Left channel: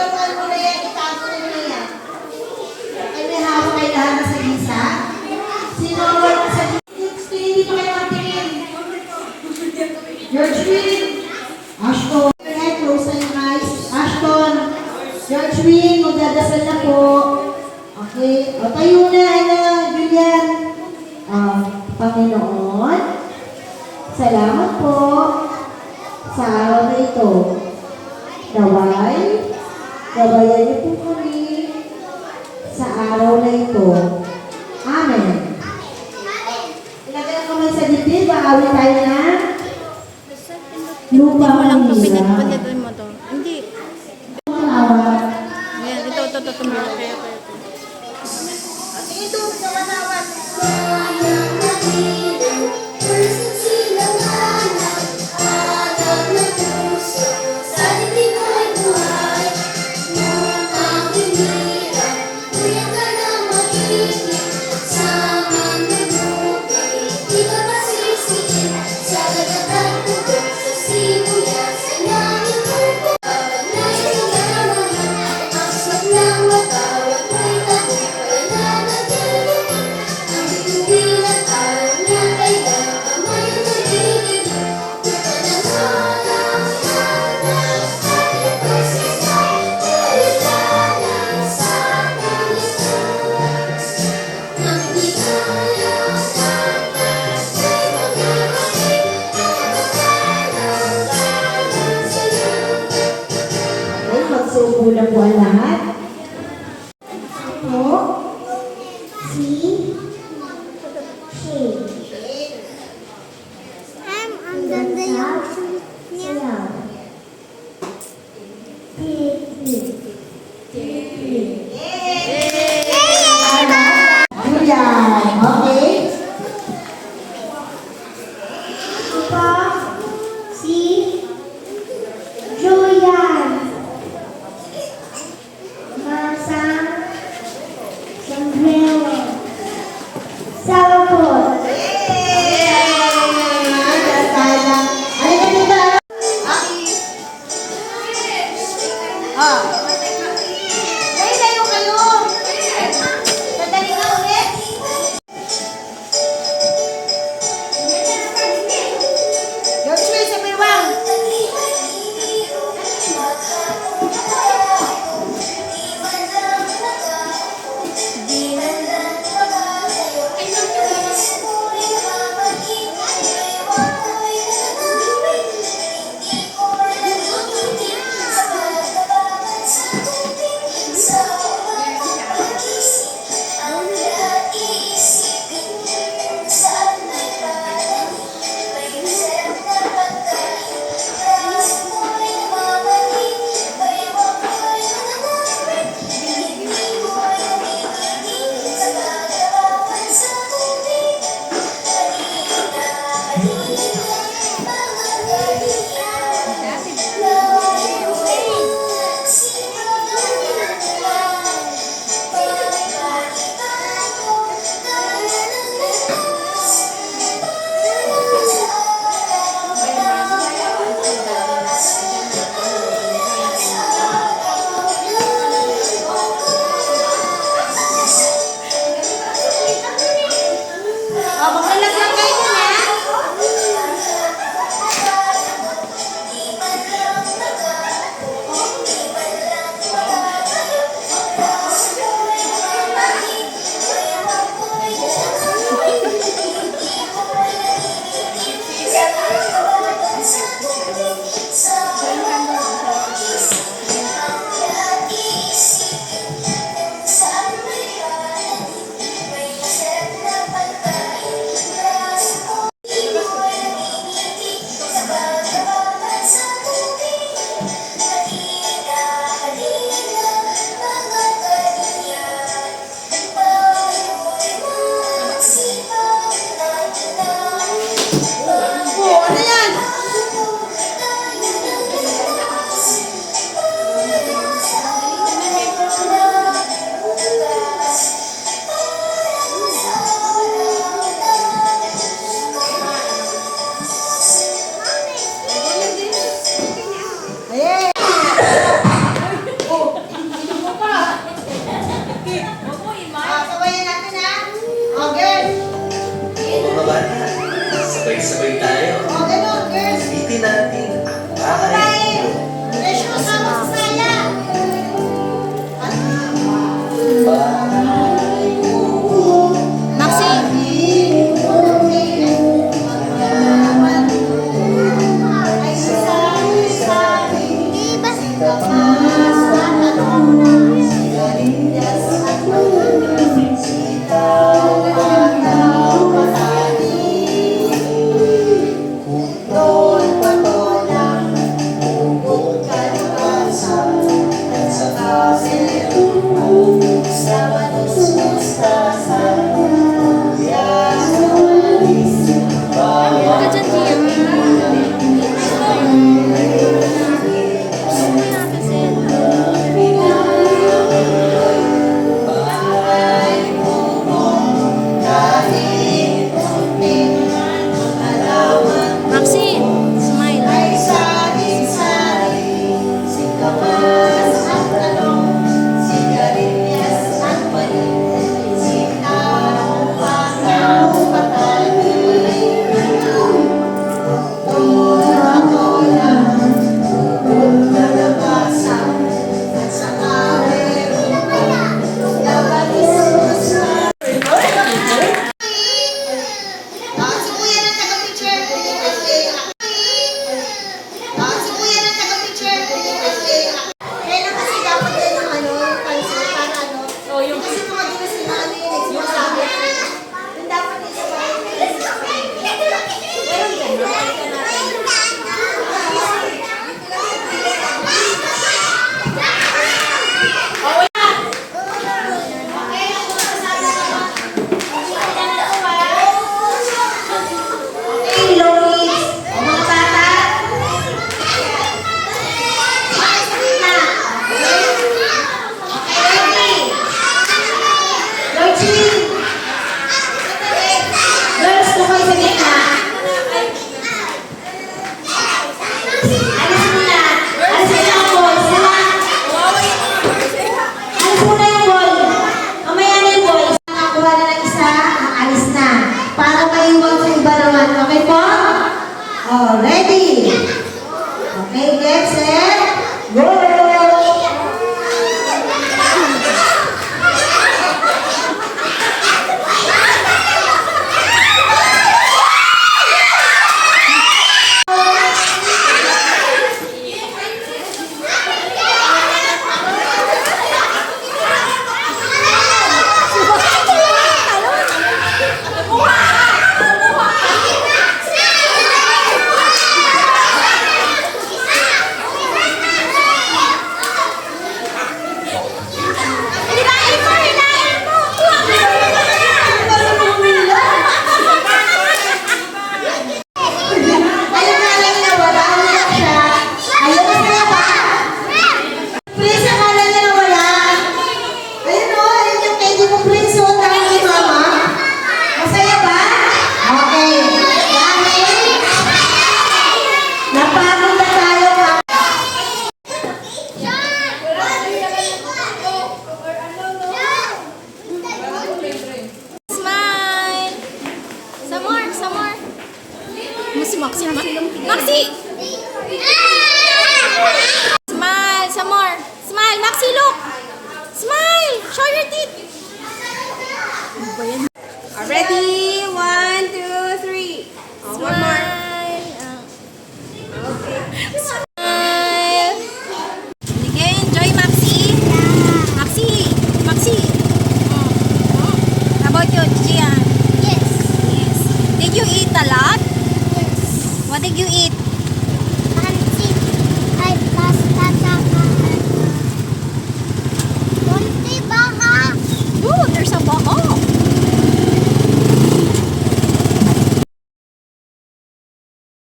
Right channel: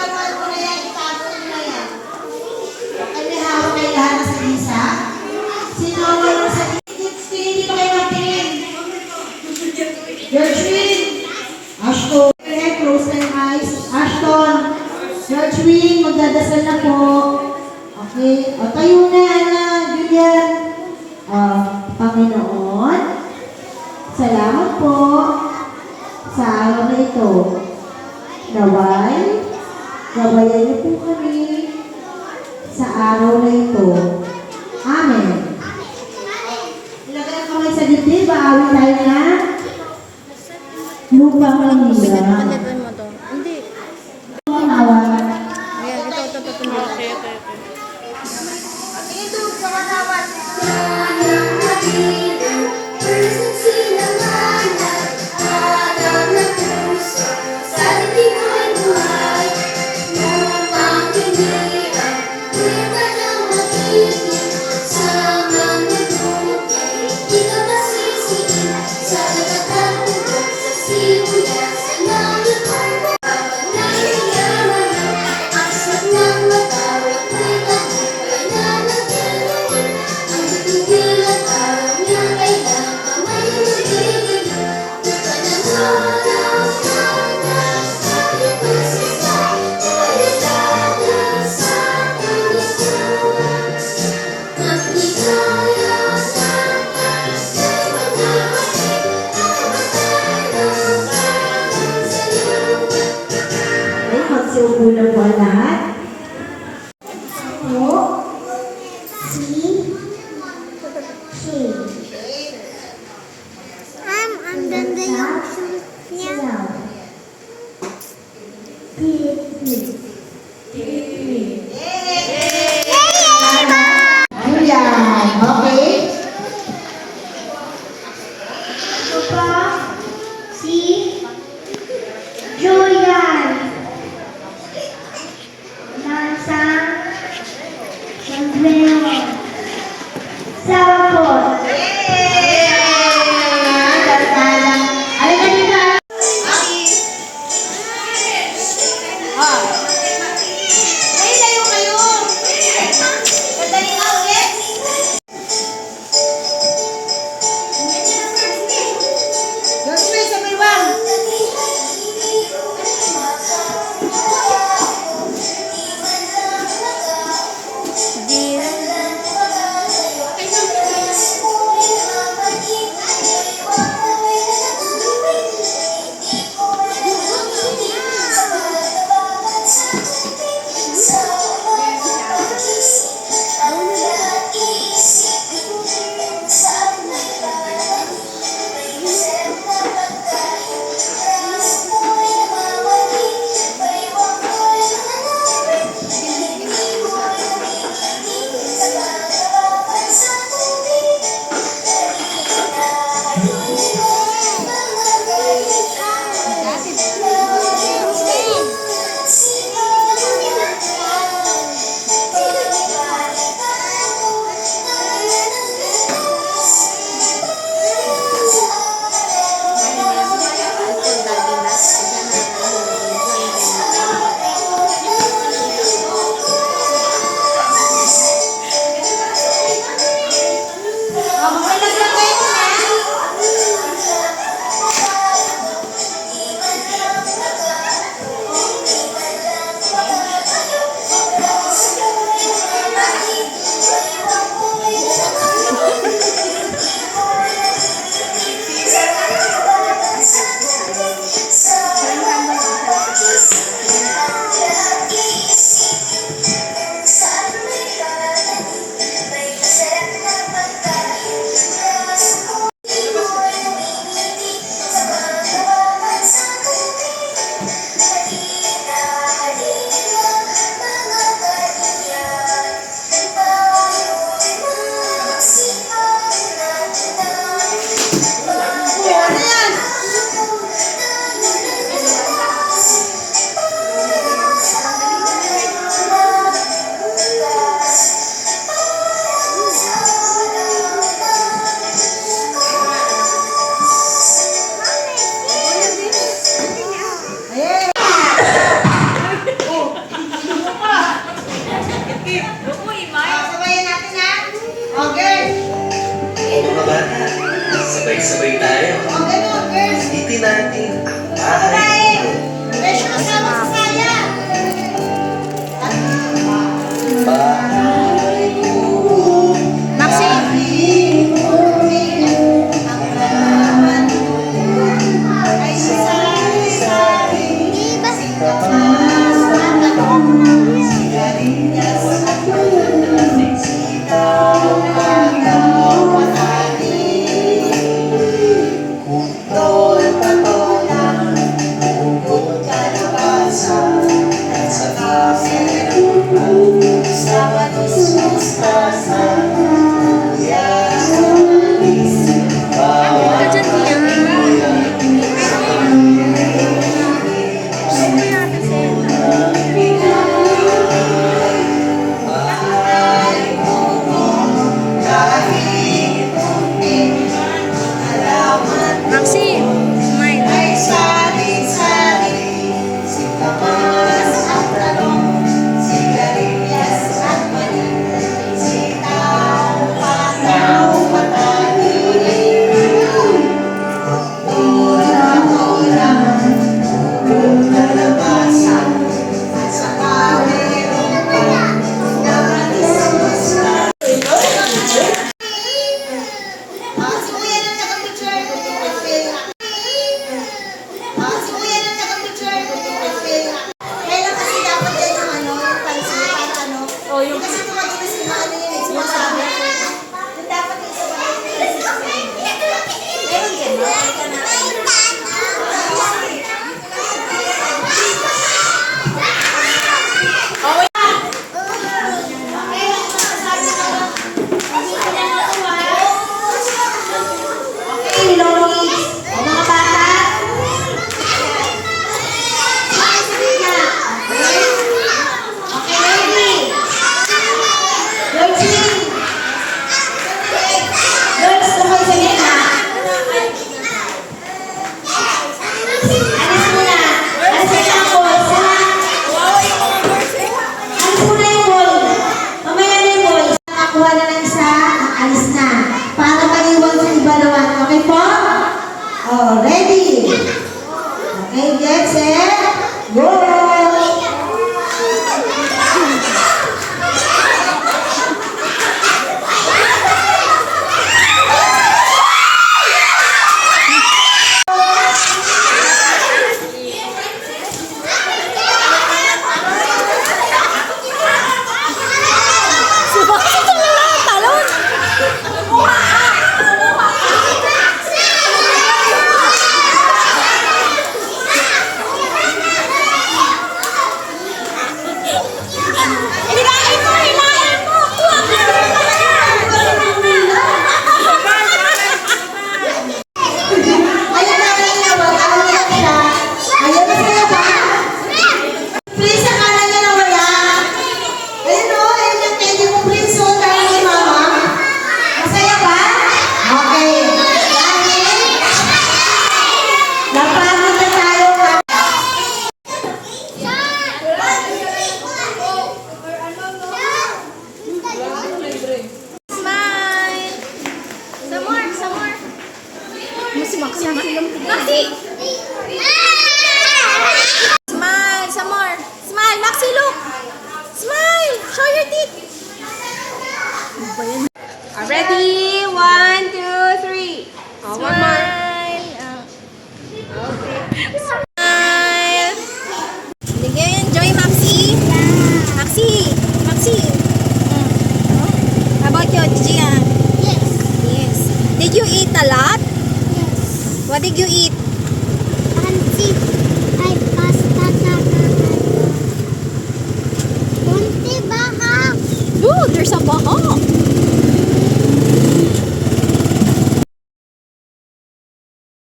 Iwan mo na yan, itago na yan. Ay, may hawak kayo lahat ng salisa. Sino ang salisa? Hindi pa kayo magtingin. George Win. Ashton. Close na yung eyes. Ashton. George Win, magdadasal na po. Okay. O, tayo na, Julian. Panginoon, salamat po sa araw na ito. Naway, gabayan niyo po kami sa araw na ito. Amen. Ilagay na kamay sa dibdib, baawin tayo na. Lupa Walang tubig at Manila. panitin mo to. Hindi. Manawat. Ayan, ito. Okay. Ito, sa manawat. Magsubo na po ang lahat. Po. Si. Ang ganda yung suit niya. Ayan. Okay. Ito po, si Julian. Nasa sombrero. Sabot. Maxi, Maxi! Smile, some more. Smile, Maxi, look! Smile! Show your teeth! Ano ba yan? Ready? 1, 2, 3. Oh, one more. Smile! Okay. Smile! Sige, enjoy, Maxi! Maxi! Maxi! How about you, Gian? Yes. Yes. Did you eat a lot? Yes. What did you eat? Pancit. Ay, pasta tsaka Kunti baka. Ooh, there's a baka.